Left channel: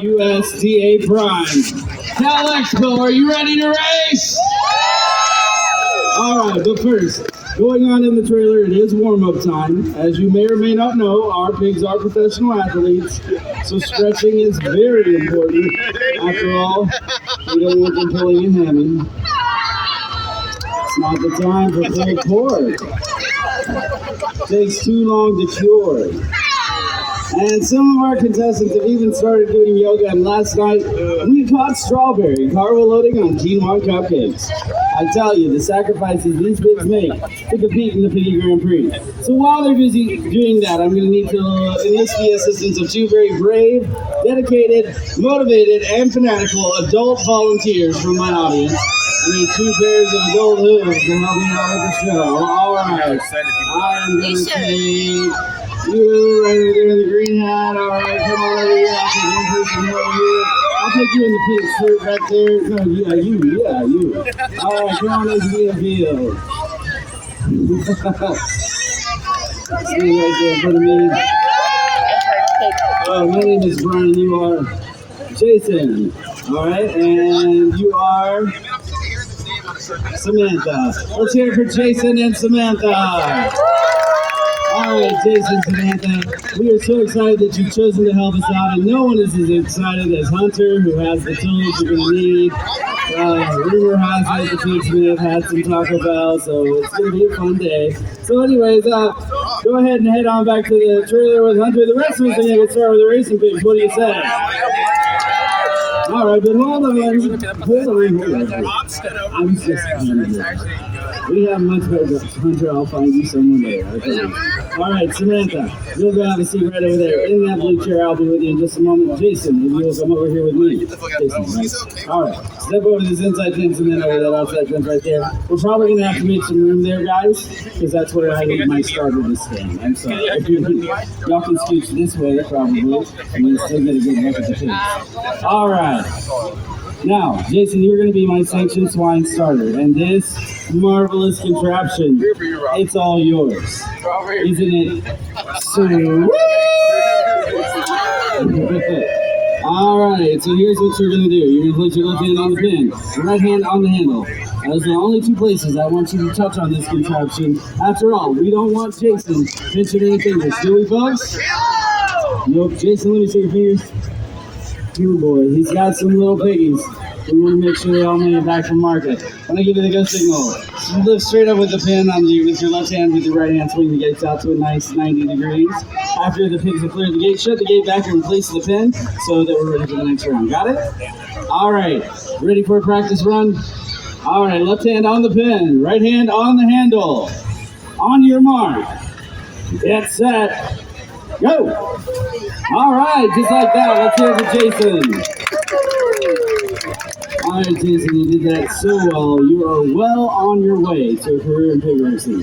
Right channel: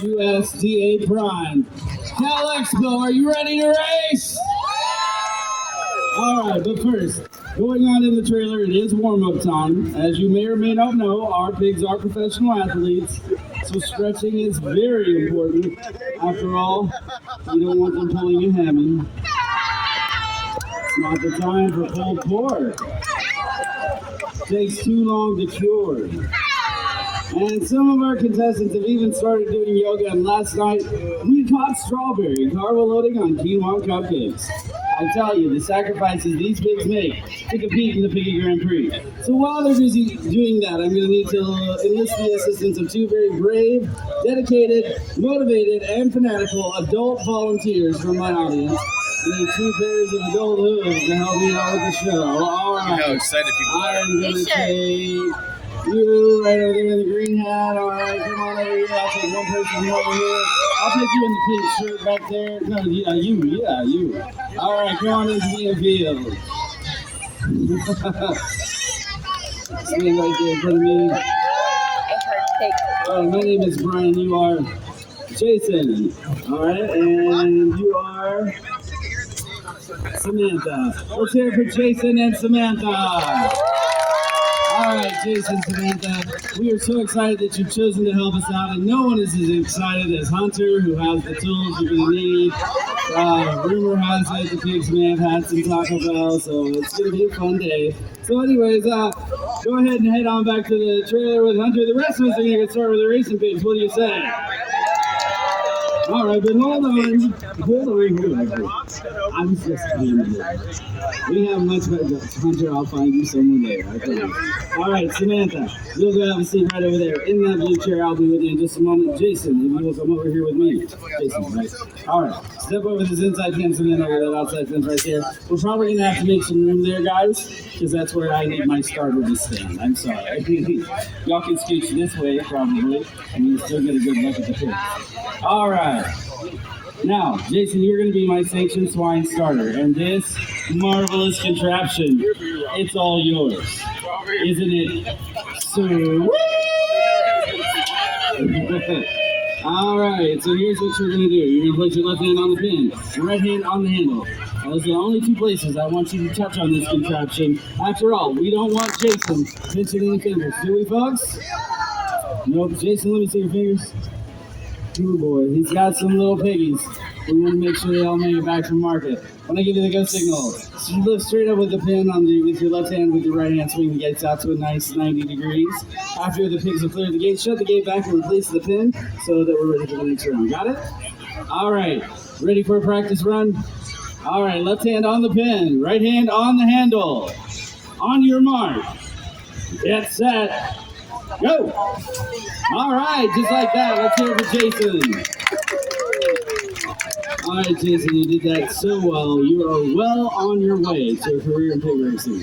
USDA Prime. Cal Expo, are you ready to race? All right, but first, going on in the trailer, it is warm-up time. As you may or may not know, our pigs are professional athletes, so stretching is very important. After all, we don't want them pulling a hammy. It's not the time for pulled pork. Takes too long to cure. And some of our contestants have even started doing yoga, and last night we caught strawberry carbo loading on quinoa cupcakes. I tell you, the sacrifices these pigs make to compete in the Piggy Grand Prix. So while they're busy doing that, I'm going to need to enlist the assistance of two very brave, dedicated, motivated, and fanatical adult volunteers from my audience. I need two pairs of adult hooves to help me out with the show. All right, I'm going to take you right over there in the green hat. All right, come on over here. I'll take one person over here. I'll take you in the pink shirt back there. No, you. All right, come on into the field. Stand right there in front of me. My name is Brian. You are Jason. All right, and you are Samantha. Let's hear it for Jason and Samantha. All right, Jason, Samantha, we are so excited that you've chosen to help us out, and no one is as excited as Hunter, who has the tools you're going to need. Rumor has it the kids may have had some Taco Bell, so it's going to be a fun day. So anyways, go ahead and head on back to the trailer with Hunter. The rest of us are going to get started with the racing pigs. What do you say? All right, but hold on. I'm just kidding. We have much better. Hunter, I'll find you someone there. Okay? All right, Samantha, you'll go have a seat right over there. In that blue chair, I'll be with you in just a moment. Jason, if you'll come over here with me. Jason, right? All right, step over this inside fence and then over that outside fence right there. We're probably going to have to make some room there, guys, because that's where I need my starter to stand. I'm sorry. Y'all can scooch this way, probably, and we still get a good look at the kids. All right. Now, Jason, you're going to be my sanctioned swine starter, and this marvelous contraption, it's all yours. Isn't it sweet? All right, so here's what you're going to do. You're going to place your left hand on the pin, your right hand on the handle. Those are the only two places I want you to touch on this contraption. After all, we don't want Jason pinching any fingers, do we, folks? Nope. Jason, let me see your fingers. Good boy. He's got some little piggies. We want to make sure they all made it back from market. When I give you the go signal, so you lift straight up with the pin on with your left hand, with your right hand, swing the gates out to a nice 90 degrees. After the pigs have cleared the gate, shut the gate back and replace the pin so that we're ready for the next round. Got it? All right. Ready for a practice run? All right. Left hand on the pin, right hand on the handle. On your mark. Get set. Go! All right, just like that. Let's hear it for Jason. All right, Jason, you did that so well. You are well on your way to a career in pig racing.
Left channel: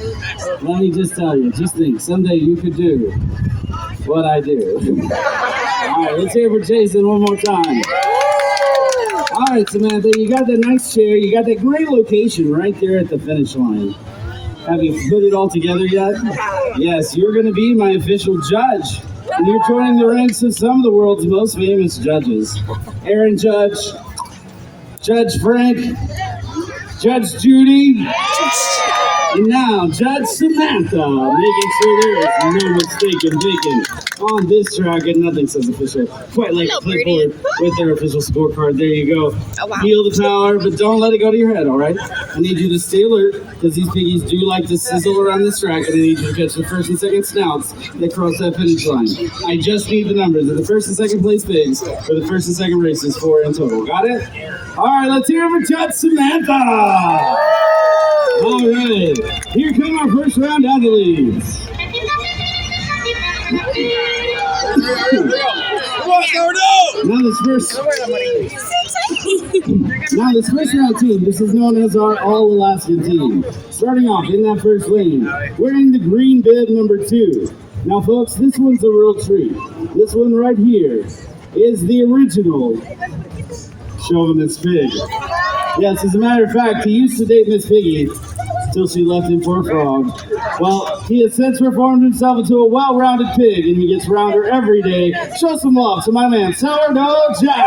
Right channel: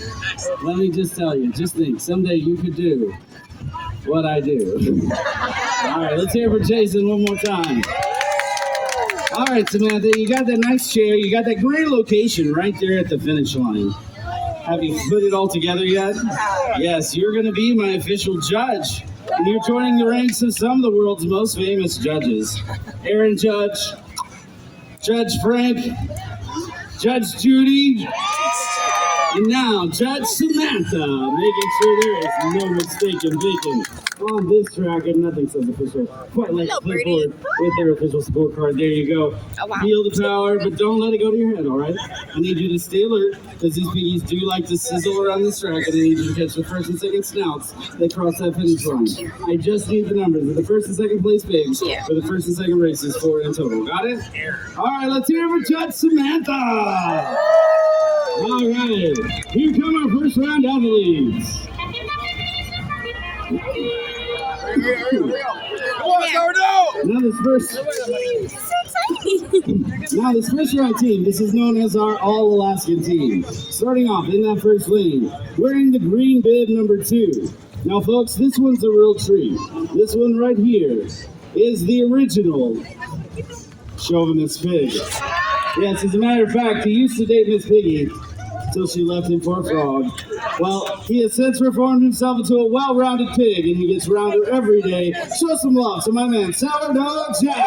Let me just tell you, just think, someday you could do what I do. All right, let's hear it for Jason one more time. All right, Samantha, you got that nice chair. You got that great location right there at the finish line. Have you put it all together yet? Yes, you're going to be my official judge. And you're joining the ranks of some of the world's most famous judges. Aaron Judge, Judge Frank, Judge Judy, and now Judge Samantha, making sure there is no mistaken bacon on this track, and nothing says official quite like Clipboard with their official scorecard. There you go. Oh, wow. Feel the power, but don't let it go to your head, all right? I need you to stay alert, because these piggies do like to sizzle around this track, and I need you to catch the first and second snouts that cross that finish line. I just need the numbers of the first and second place pigs for the first and second races, 4 in total. Got it? All right, let's hear it for Judge Samantha. All right, here come our first round athletes. Now this first round team, this is known as our All-Alaskan team. Starting off in that first lane, wearing the green bib number 2. Now folks, this one's a real treat. This one right here is the original Chauvinist pig. Yes, as a matter of fact, he used to date Miss Piggy. till she left him for a frog. Well, he has since reformed himself into a well-rounded pig, and he gets rounder every day. Show some love to my man, Sourdough Jack.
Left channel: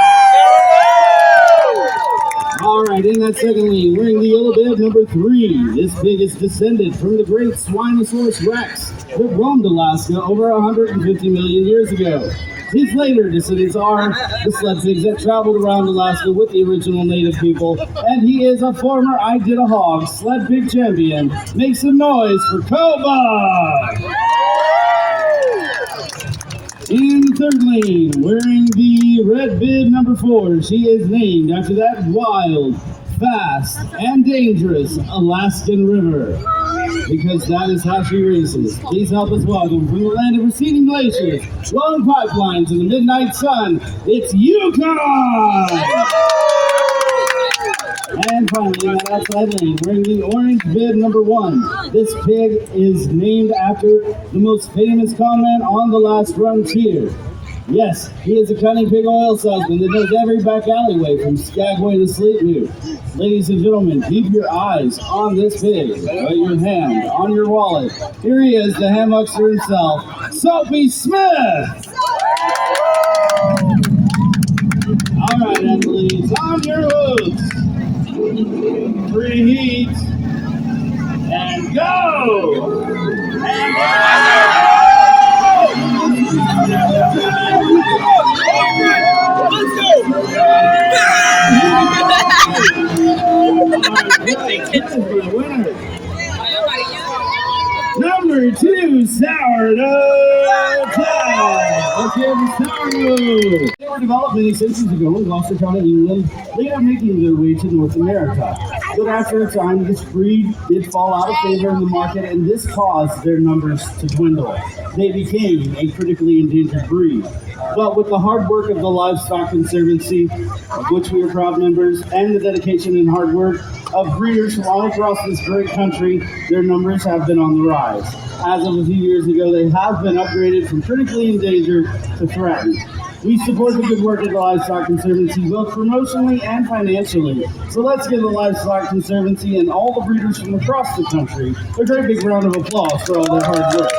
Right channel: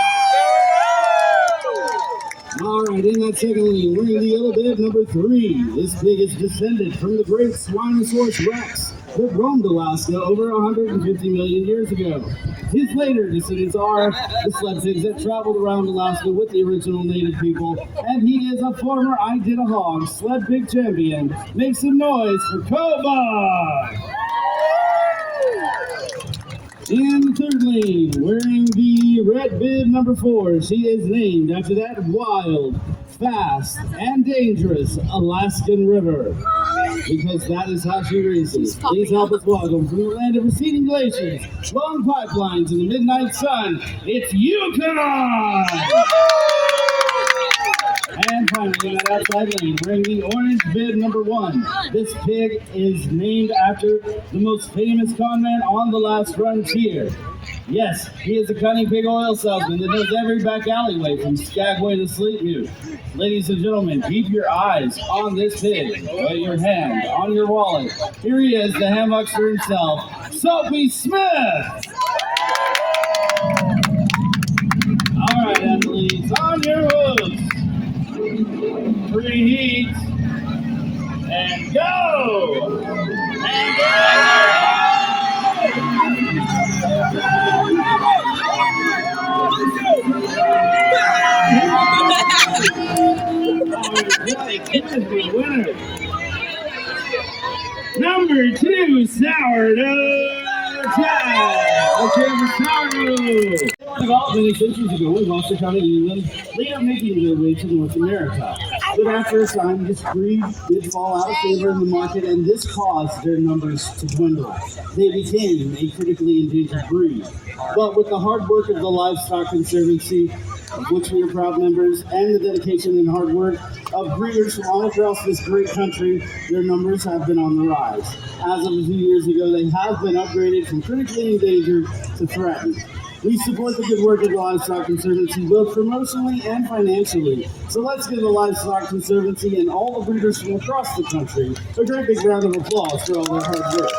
All right, in that second lane, wearing the yellow bib number 3. This pig is descended from the great Spinosaurus rex that roamed Alaska over 150 million years ago. His later descendants are the sled pigs that traveled around Alaska with the original native people, and he is a former I Did a Hog sled pig champion. Make some noise for Koba! In the third lane, wearing the red bib number 4, she is named after that wild, fast, and dangerous Alaskan river, because that is how she races. Please help us welcome from the land of receding glaciers, long pipelines, and the midnight sun, it's Yukon! And finally, in that outside lane, wearing the orange bib number 1. This pig is named after the most famous conman on the last frontier. Yes, he is a cunning pig oil salesman that knows every back alleyway from Skagway to Sleetview. Ladies and gentlemen, keep your eyes on this pig, put your hand on your wallet. Here he is, the hamhuckster himself, Soapy Smith! All right, athletes, on your hooks. Preheat and go! And Number 2, Sourdough Jack. Let's hear for Sourdough. They were developed many centuries ago in Gloucester County, England, later making their way to North America. But after a time, this breed did fall out of favor in the market, and this caused their numbers to dwindle. They became a critically endangered breed. But with the hard work of the Livestock Conservancy, of which we are proud members, and the dedication and hard work of breeders from all across this great country, their numbers have been on the rise. As of a few years ago, they have been upgraded from critically endangered to threatened. We support the good work of the Livestock Conservancy, both promotionally and financially. So let's give the Livestock Conservancy and all the breeders from across the country a great big round of applause for all their hard work.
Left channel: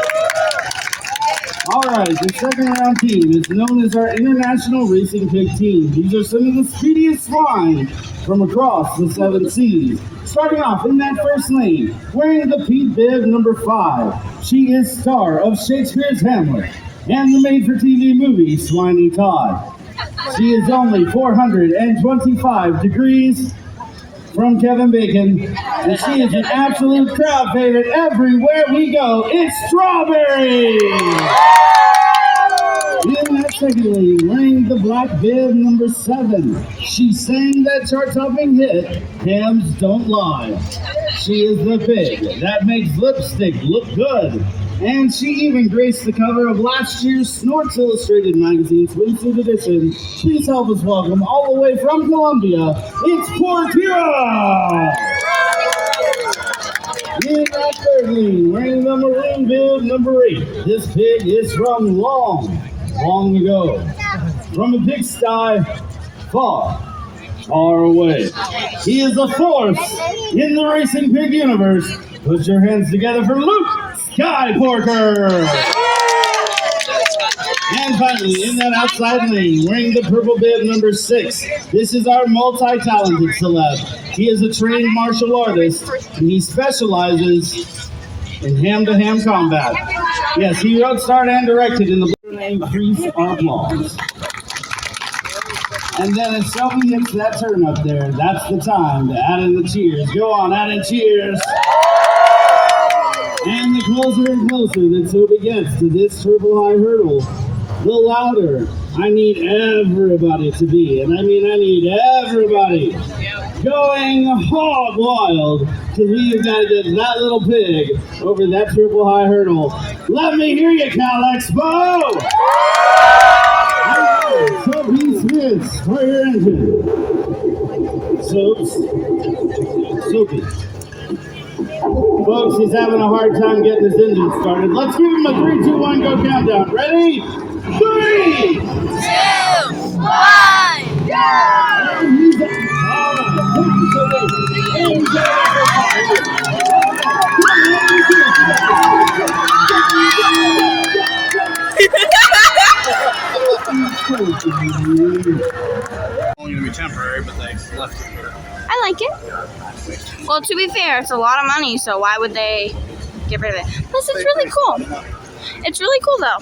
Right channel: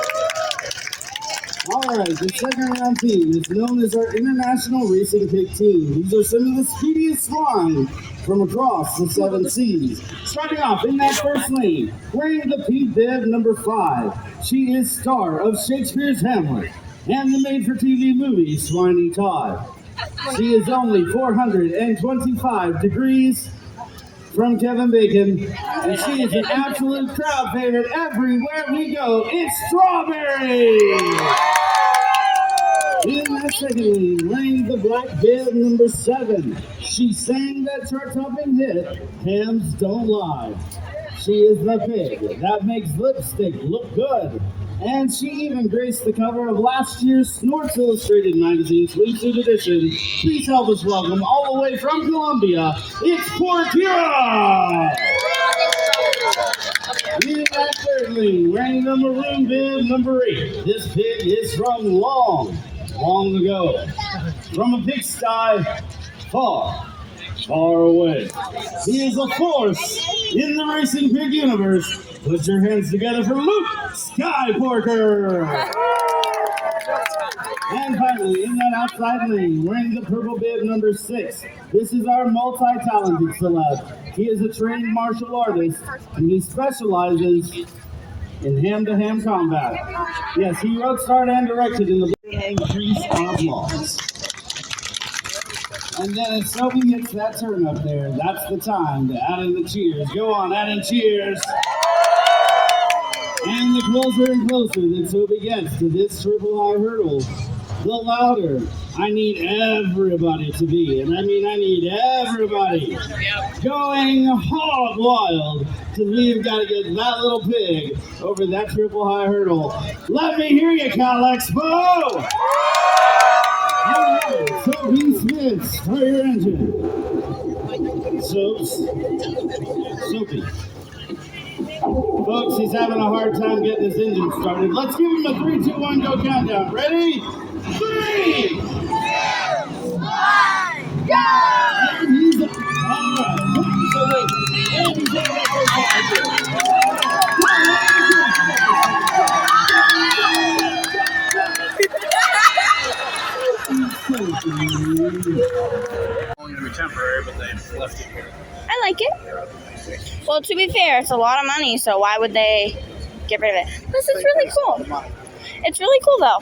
All right, the second round team is known as our International Racing Pig Team. These are some of the speediest swine from across the 7 seas. Starting off in that first lane, wearing the pink bib number 5. She is star of Shakespeare's Hamlet and the made-for-TV movie Swiney Todd. She is only 425 degrees from Kevin Bacon, and she is an absolute crowd favorite everywhere we go. It's Strawberry! In that second lane, wearing the black bib number 7, she sang that chart-topping hit, Hams Don't Lie. She is the pig that makes lipstick look good. And she even graced the cover of last year's Snorts Illustrated magazine swimsuit edition. Please help us welcome, all the way from Columbia, it's Porkura! In that third lane, wearing the maroon bib number 8, this pig is from long ago. From a pigsty far away. He is a force in the racing pig universe. Put your hands together for Luke Skyporker! And finally, in that outside lane, wearing the purple bib number 6, this is our multi-talented celeb. He is a trained martial artist, and he specializes in hand-to-hand combat. Yes, he wrote, starred, and directed in the increase our applause. And then as Shelby hits that turn up there, that's the time to add in the cheers. Go on, add in cheers. And the closer and closer that Soapy gets to this triple high hurdle, the louder I need everybody to be. And I mean, I need everybody going hog wild, because we have got to get that little pig over that triple high hurdle. Let me hear you, Cal Expo! Soapy Smith, start your engine. Soapy. Folks, he's having a hard time getting his engine started. Let's give him a 3, 2, 1, go countdown. Ready? 3, 2, 1, go! And he's all right. Only to be temporary, but they left it here. I like it. Well, to be fair, it's a lot of money, so why would they get rid of it? This is really cool. It's really cool, though.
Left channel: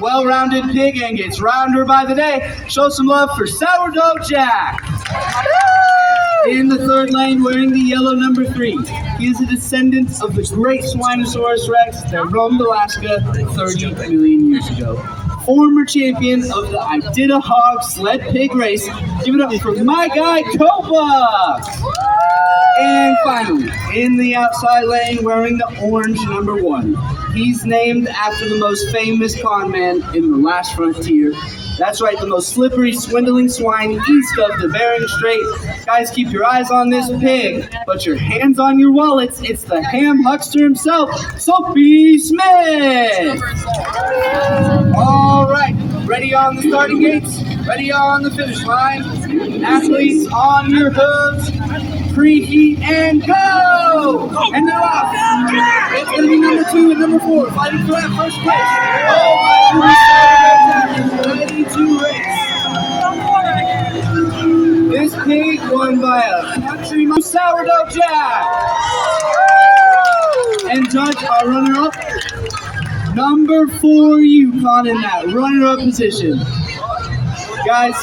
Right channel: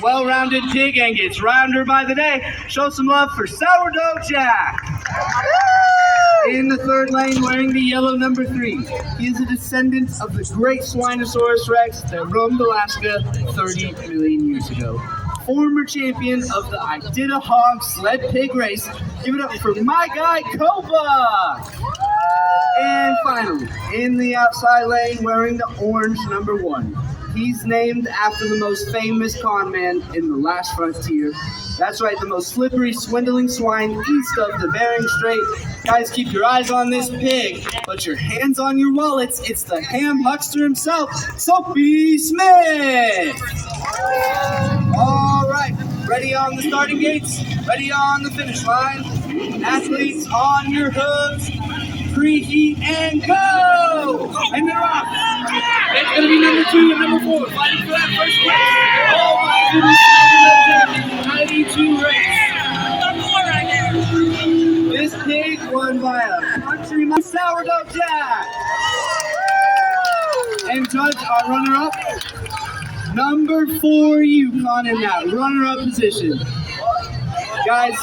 Well-rounded pig and gets rounder by the day. Show some love for Sourdough Jack. In the third lane, wearing the yellow number 3. He is a descendant of the great Swinosaurus rex that roamed Alaska 30 million years ago. Former champion of the Iditarod sled pig race. Give it up for my guy, Copa! And finally, in the outside lane, wearing the orange number 1. He's named after the most famous con man in the last frontier. That's right, the most slippery, swindling swine east of the Bering Strait. Guys, keep your eyes on this pig, but your hands on your wallets. It's the ham huckster himself, Soapy Smith. All right, ready on the starting gates, ready on the finish line. Athletes on your hooves, preheat and go! And they're off. It's going to be number 2 and number 4 fighting for that first place. Oh my goodness, 92 race. This pig won by a country Sourdough Jack. And judge our runner-up, number 4 Yukon in that runner-up position. Guys,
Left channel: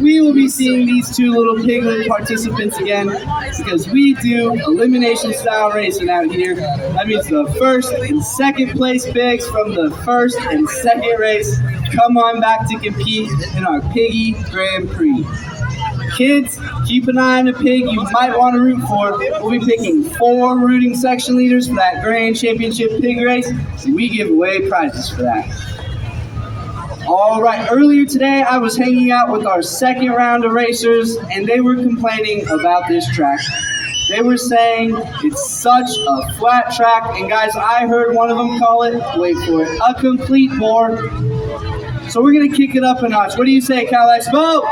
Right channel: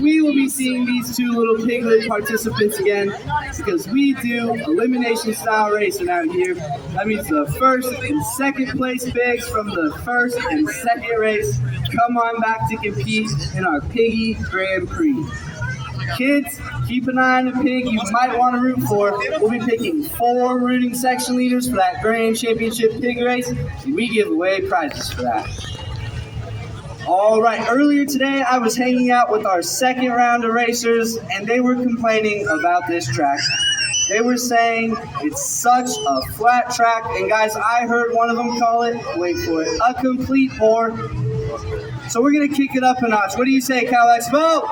we will be seeing these 2 little piglet participants again because we do elimination style racing out here. That means the first and second place pigs from the first and second race come on back to compete in our Piggy Grand Prix. Kids, keep an eye on a pig you might want to root for. We'll be picking 4 rooting section leaders for that Grand Championship pig race, and we give away prizes for that. All right, earlier today I was hanging out with our second round of racers and they were complaining about this track. They were saying it's such a flat track, and guys, I heard one of them call it, wait for it, a complete bore. So we're gonna kick it up a notch. What do you say, Cal Expo?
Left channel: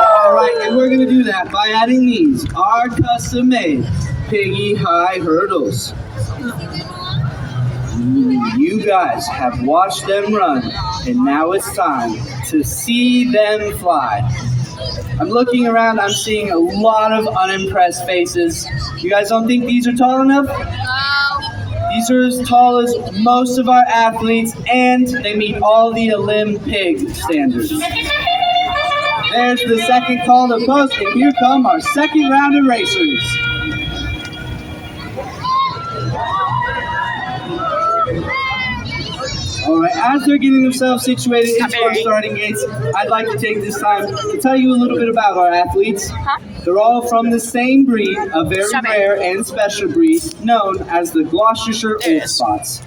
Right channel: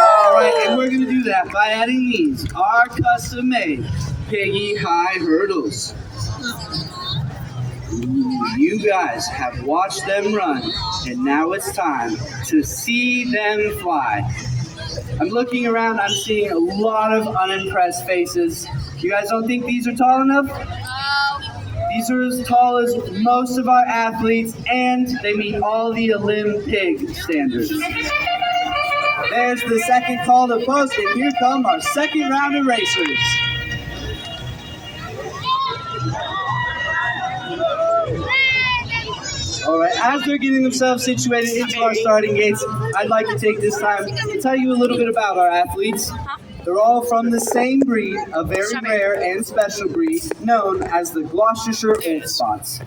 All right, and we're gonna do that by adding these, our custom made Piggy High hurdles. You guys have watched them run, and now it's time to see them fly. I'm looking around, I'm seeing a lot of unimpressed faces. You guys don't think these are tall enough? These are as tall as most of our athletes, and they meet all the Olympic standards. There's the second call to post, and here come our second round of racers. All right, as they're getting themselves situated into our starting gates, I'd like to take this time to tell you a little bit about our athletes. They're all from the same breed, a very rare and special breed known as the Gloucestershire Old Spots.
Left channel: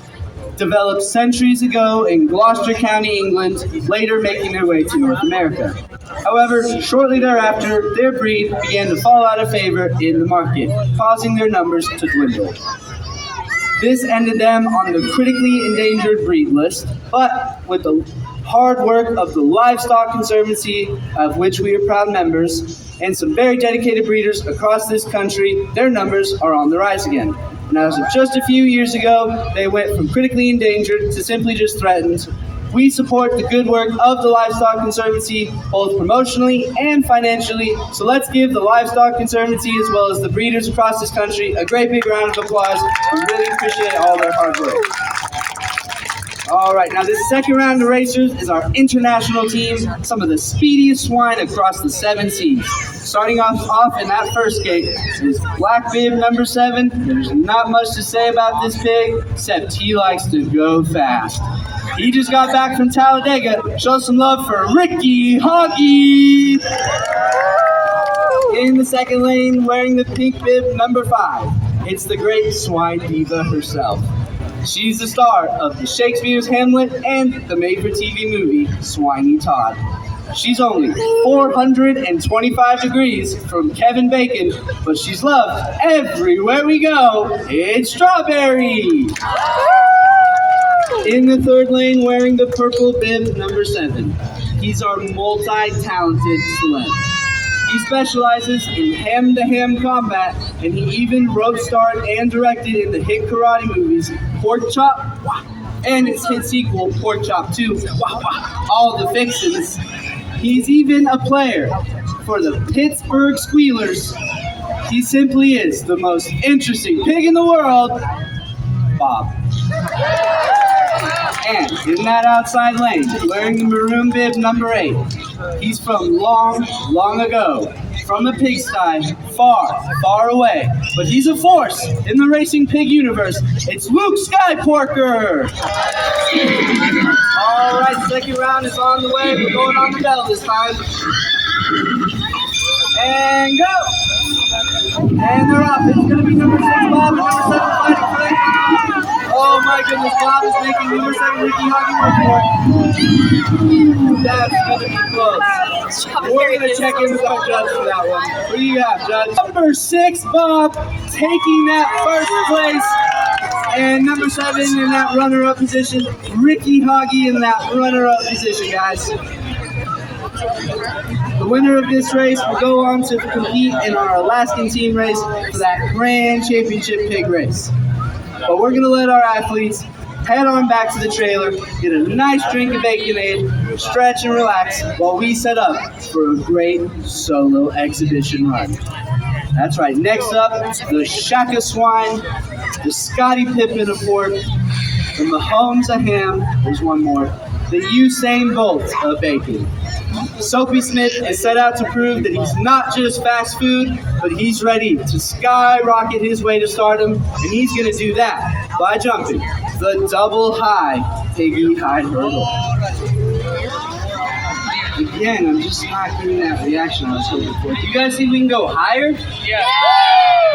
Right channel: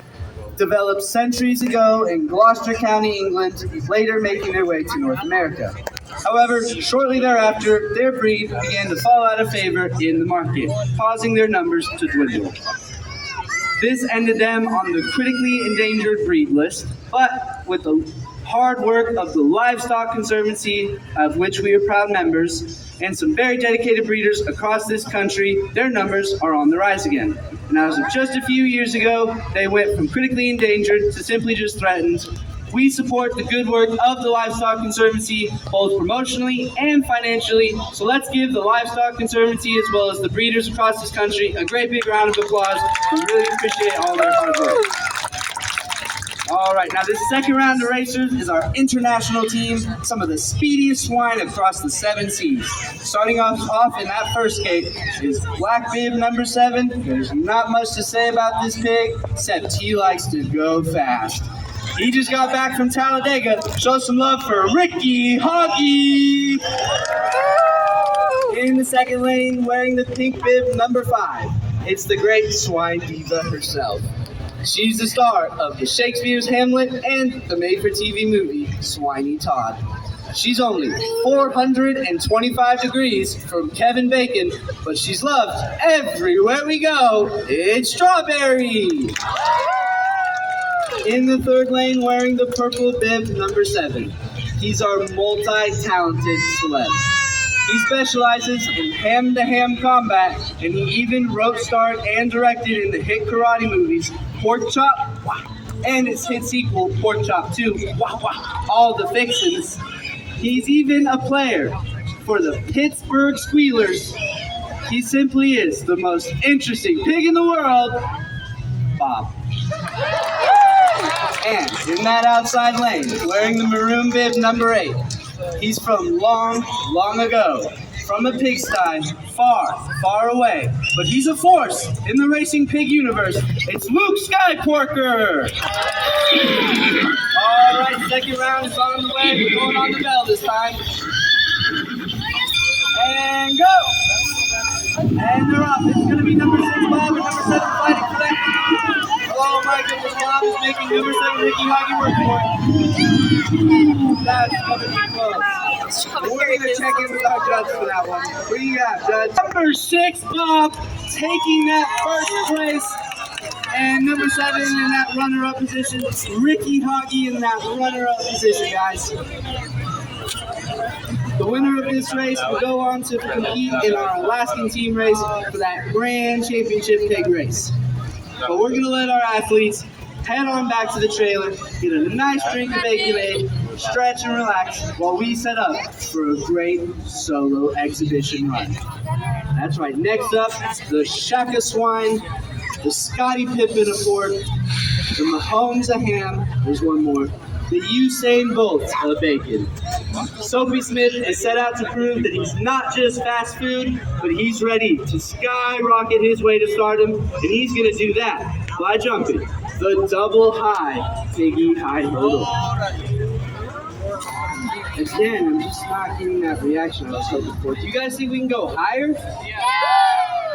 Developed centuries ago in Gloucester County, England, later making their way to North America. However, shortly thereafter, their breed began to fall out of favor in the market, causing their numbers to dwindle. This ended them on the critically endangered breed list, but with the hard work of the Livestock Conservancy, of which we are proud members, and some very dedicated breeders across this country, their numbers are on the rise again. And as of just a few years ago, they went from critically endangered to simply just threatened. We support the good work of the Livestock Conservancy, both promotionally and financially. So let's give the Livestock Conservancy, as well as the breeders across this country, a great big round of applause. We really appreciate all their hard work. All right, now this second round of racers is our international team, some of the speediest swine across the 7 seas. Starting off in that first gate is Black Bib number 7. There's not much to say about this pig, except he likes to go fast. He just got back from Talladega. Show some love for Ricky Honky. In the second lane, wearing the pink bib number 5, it's the great swine diva herself. She's the star of the Shakespeare's Hamlet and the made-for-TV movie Swiney Todd. She's only 425 degrees from Kevin Bacon, but she's loved everywhere we go. It's Strawberry. In the third lane, wearing the purple bib number 7, he's our multi-talented celeb. He specializes in hand-to-hand combat, and he even wrote, starred, and directed in the hit karate movies Pork Chop and its hit sequel Pork Chop 2, all the fixins. He's even a player for the Pittsburgh Squealers. He simply is the most interesting pig in the world, Bob. And in that outside lane, wearing the maroon bib number 8, he's from long, long ago, from a pigsty far, far away. But he's a force in the racing pig universe. It's Luke Skyporker. All right, second round is on the way. We're going on the bell this time. And go. And they're up. It's going to be number 6, Bob, and number 7 fighting for that. Oh my goodness, Bob is making number 7, Ricky Hoggy, work for it. That's going to be close. We're going to check in with our judge for that one. Who do you have, Judge? Number 6, Bob, taking that first place. And number 7 in that runner-up position. Ricky Hoggy in that runner-up position, guys. The winner of this race will go on to compete in our Alaskan team race for that grand championship pig race. But we're going to let our athletes head on back to the trailer, get a nice drink of Baconade, stretch and relax while we set up for a great solo exhibition run. That's right, next up, the Shaka Swine, the Scotty Pippen of pork, the Mahomes of ham, there's one more, the Usain Bolt of bacon. Soapy Smith has set out to prove that he's not just fast food, but he's ready to skyrocket his way to stardom, and he's going to do that by jumping the double high piggy high hurdle. Again, I'm just not getting that reaction I was hoping for. Do you guys think we can go higher? Yeah.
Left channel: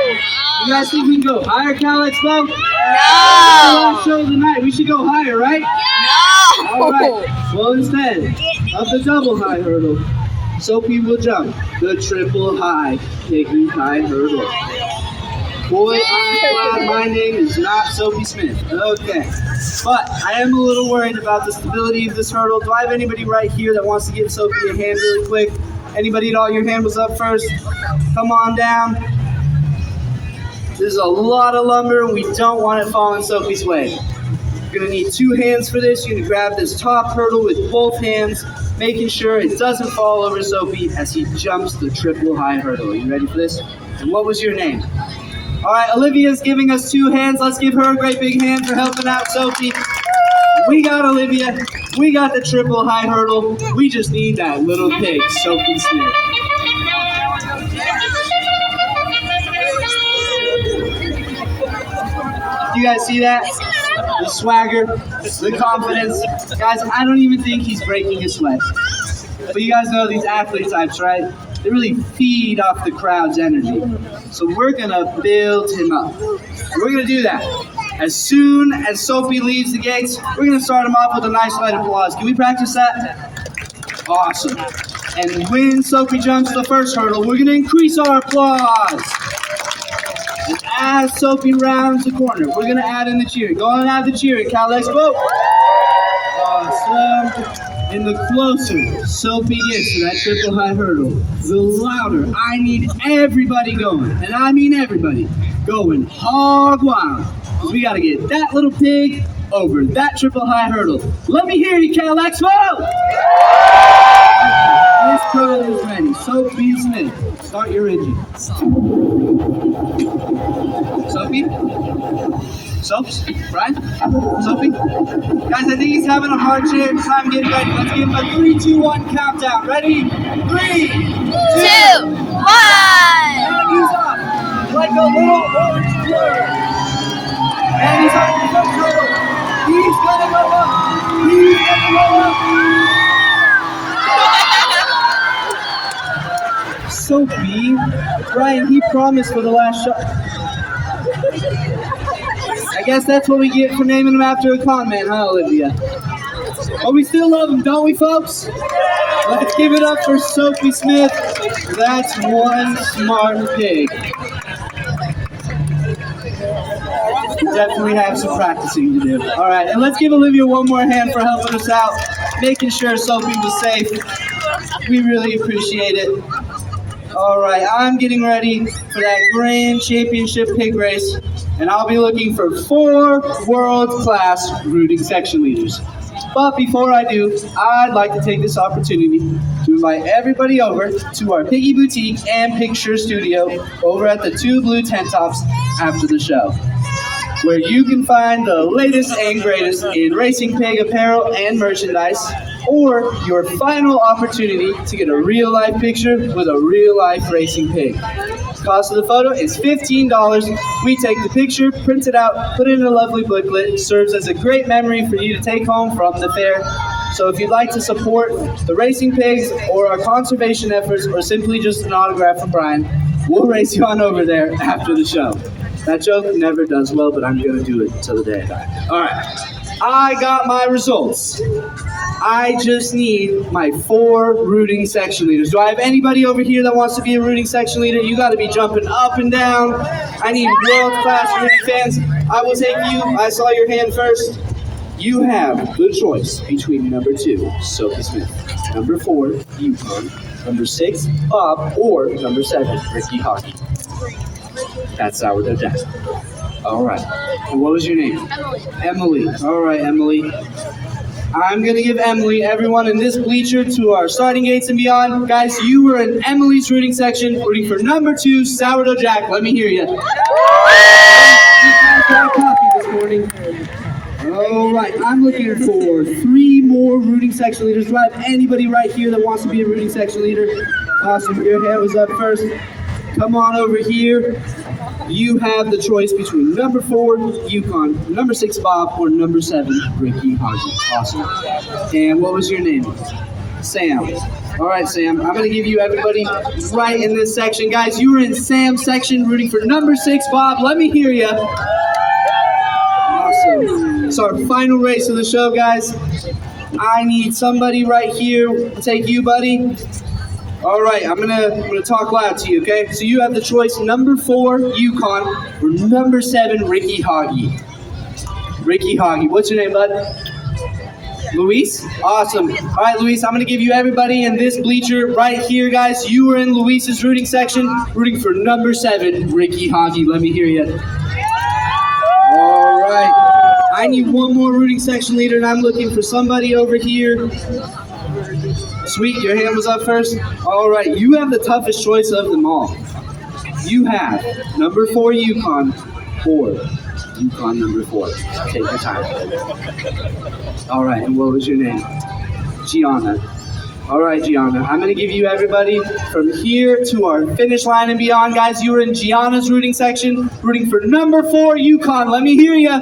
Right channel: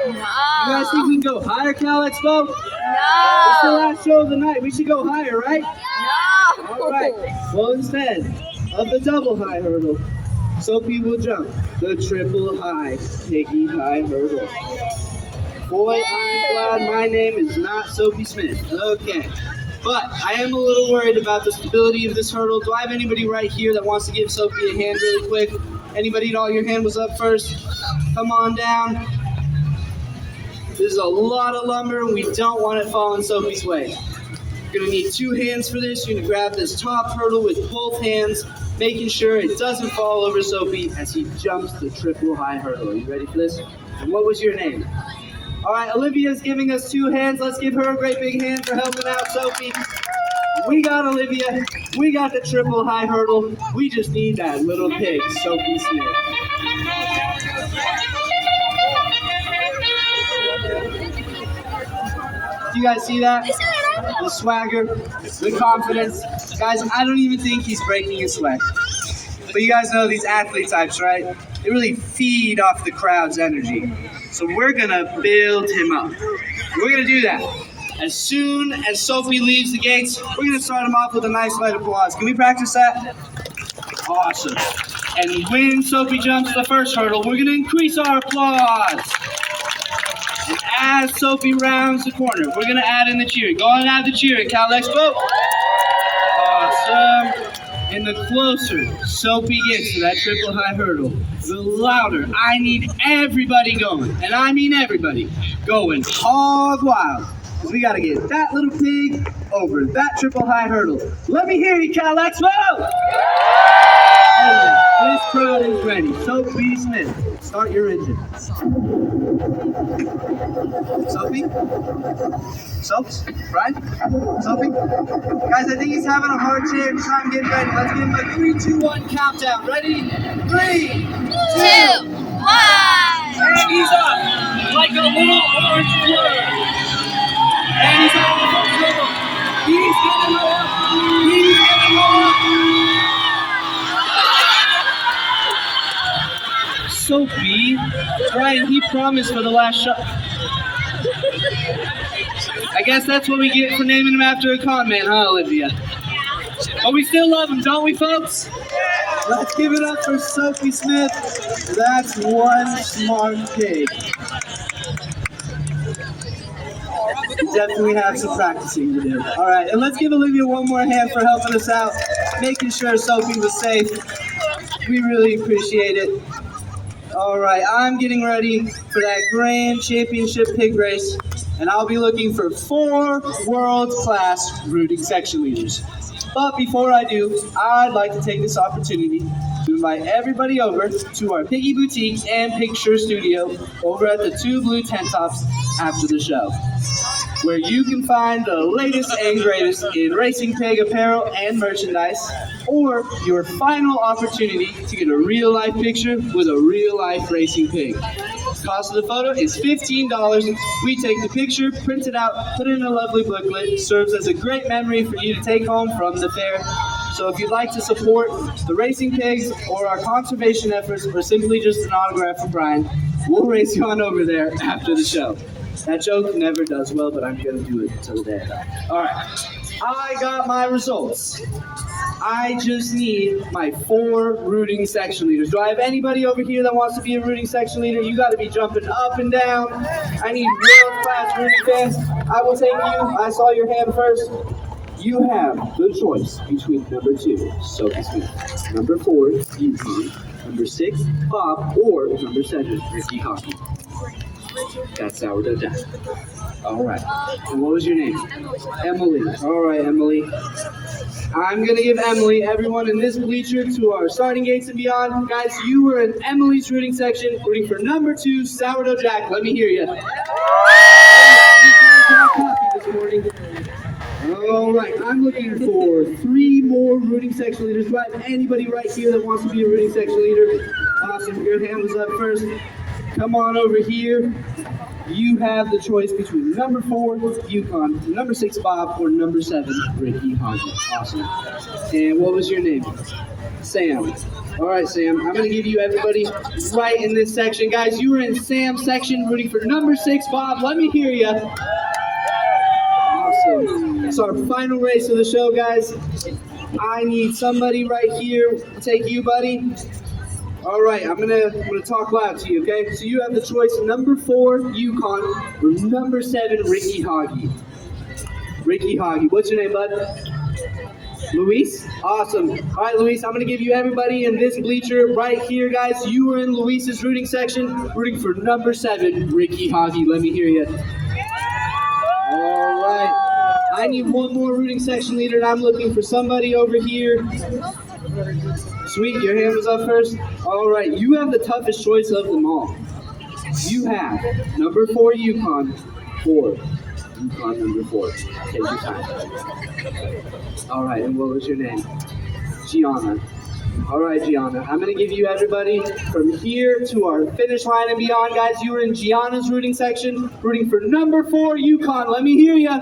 You guys think we can go higher, Cal Expo? No. It's the last show of the night. We should go higher, right? No. All right. Well, instead of the double high hurdle, Soapy will jump the triple high piggy high hurdle. Boy, I'm glad my name is not Soapy Smith. Okay. But I am a little worried about the stability of this hurdle. Do I have anybody right here that wants to give Soapy a hand really quick? Anybody at all? Your hand was up first. Come on down. This is a lot of lumber, and we don't want it falling Soapy's way. You're gonna need 2 hands for this. You're gonna grab this top hurdle with both hands, making sure it doesn't fall over Soapy as he jumps the triple high hurdle. Are you ready for this? And what was your name? All right, Olivia's giving us 2 hands. Let's give her a great big hand for helping out Soapy. We got Olivia. We got the triple high hurdle. We just need that little pig, Soapy Smith. You guys see that? The swagger, the confidence. Guys, I don't even think he's breaking a sweat. But you guys know these athlete types, right? They really feed off the crowd's energy. So we're gonna build him up. And we're gonna do that. As soon as Soapy leaves the gates, we're gonna start him off with a nice light applause. Can we practice that? Awesome. And when Soapy jumps the first hurdle, we're gonna increase our applause. And as Soapy rounds the corner, we're gonna add in the cheering. Go on and add the cheering, Cal Expo. Awesome. And the closer Soapy gets to that triple high hurdle, the louder I need everybody going. And I mean everybody going hog wild. Because we gotta get that little pig over that triple high hurdle. Let me hear you, Cal Expo! This crowd is ready. Soapy Smith, start your engine. Soapy? Soaps? Brian? Soapy? Guys, I think he's having a hard time getting ready. Let's give him a 3, 2, 1 countdown. Ready? 3, 2, 1! And he's up like a little orange blur. And he's up the first hurdle. He's gonna go up. He's gonna go up. Soapy, Brian, he promised for the last shot. I guess that's what we get for naming him after a comment, huh, Olivia? But we still love him, don't we, folks? Let's give it up for Soapy Smith. That's one smart pig. We definitely have some practicing to do. All right, and let's give Olivia one more hand for helping us out, making sure Soapy was safe. We really appreciate it. All right, I'm getting ready for that grand championship pig race, and I'll be looking for 4 world-class rooting section leaders. But before I do, I'd like to take this opportunity to invite everybody over to our Piggy Boutique and Picture Studio over at the 2 Blue Tent Tops after the show, where you can find the latest and greatest in racing pig apparel and merchandise, or your final opportunity to get a real-life picture with a real-life racing pig. Cost of the photo is $15. We take the picture, print it out, put it in a lovely booklet. Serves as a great memory for you to take home from the fair. So if you'd like to support the racing pigs or our conservation efforts, or simply just an autograph from Brian, we'll race you on over there after the show. That joke never does well, but I'm gonna do it till the day I die. All right, I got my results. I just need my 4 rooting section leaders. Do I have anybody over here that wants to be a rooting section leader? You gotta be jumping up and down. I need world-class rooting fans. I will take you. I saw your hand first. You have the choice between number 2, Sophie Smith, number 4, Yukon, number 6, Bob, or number 7, Ricky Hockey. That's Sourdough Jack. All right. And what was your name? Emily. Emily. All right, Emily. I'm going to give Emily, everyone in this bleacher, to our starting gates and beyond. Guys, you were in Emily's rooting section, rooting for number 2, Sourdough Jack. Let me hear you. This morning. All right, I'm looking for 3 more rooting section leaders. Do I have anybody right here that wants to be a rooting section leader? Awesome. Your hand was up first. Come on over here. You have the choice between number 4, Yukon, number 6, Bob, or number 7, Ricky Hodges. Awesome. And what was your name? Sam. All right, Sam. I'm going to give you everybody right in this section. Guys, you were in Sam's section rooting for number 6, Bob. Let me hear you. Awesome. It's our final race of the show, guys. I need somebody right here. I'll take you, buddy. All right, I'm gonna talk loud to you, okay? So you have the choice: number 4, Yukon, or number 7, Ricky Hoggy. Ricky Hoggy. What's your name, bud? Luis? Awesome. All right, Luis, I'm gonna give you everybody in this bleacher right here, guys. You were in Luis's rooting section, rooting for number 7, Ricky Hoggy. Let me hear you. All right. I need 1 more rooting section leader, and I'm looking for somebody over here. Sweet, your hand was up first. All right, you have the toughest choice of them all. You have number 4, Yukon, Yukon number 4. Take your time. All right, and what was your name? Gianna. All right, Gianna. I'm going to give you everybody from here to our finish line and beyond. Guys, you were in Gianna's rooting section, rooting for number 4, Yukon. Let me hear you.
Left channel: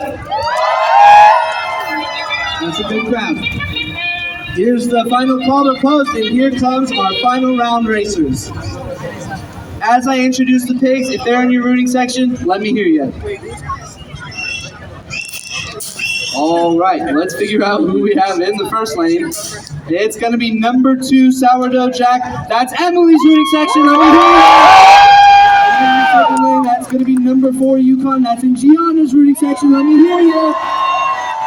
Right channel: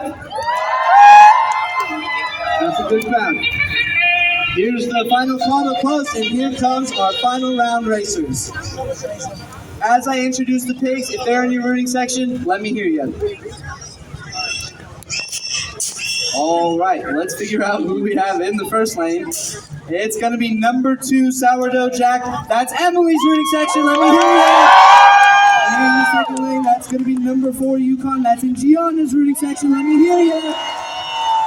That's a good crowd. Here's the final call to close, and here comes our final round racers. As I introduce the pigs, if they're in your rooting section, let me hear you. All right, let's figure out who we have in the first lane. It's going to be number 2, Sourdough Jack. That's Emily's rooting section. Let me hear you. And in the second lane, that's going to be number 4, Yukon. That's in Gianna's rooting section. Let me hear you.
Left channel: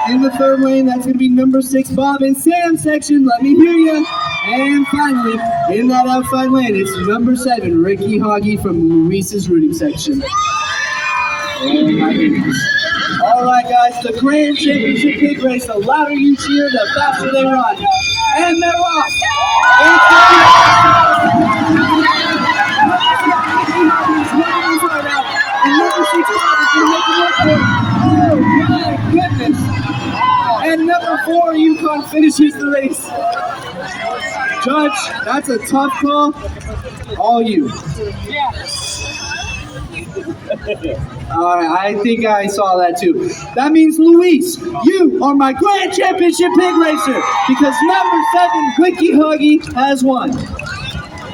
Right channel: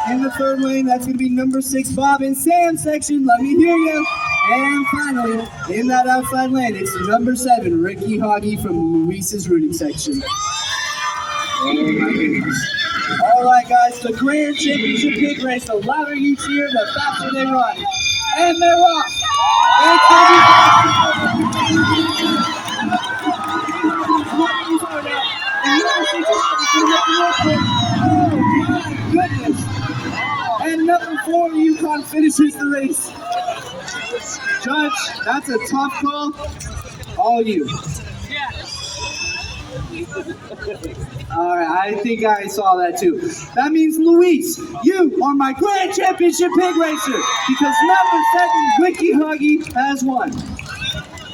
In the third lane, that's going to be number 6, Bob in Sam's section. Let me hear you. And finally, in that outside lane, it's number 7, Ricky Hoggy from Luis's rooting section. Oh my goodness. All right, guys, the Grand Championship Pig Race. The louder you cheer, the faster they run. And they're off. And number 4, Yukon finishes the race. Judge, that's a tough call. All you. Yeah. All right, I think I saw that too. That means, Luis, you are my Grand Championship Pig Racer because number 7, Ricky Huggy, has won.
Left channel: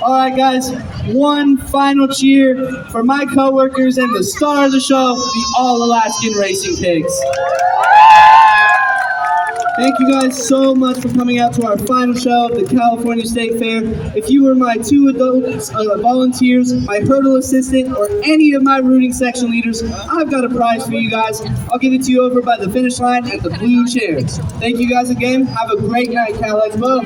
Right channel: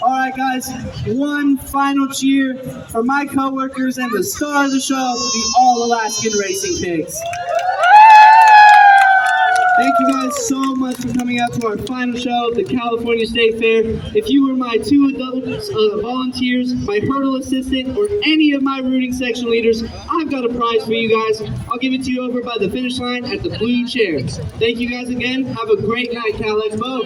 All right, guys, one final cheer for my coworkers and the star of the show, the All-Alaskan Racing Pigs. Thank you guys so much for coming out to our final show of the California State Fair. If you were my 2 adults, volunteers, my hurdle assistant, or any of my rooting section leaders, I've got a prize for you guys. I'll give it to you over by the finish line at the blue chair. Thank you guys again. Have a great night, Cal Expo.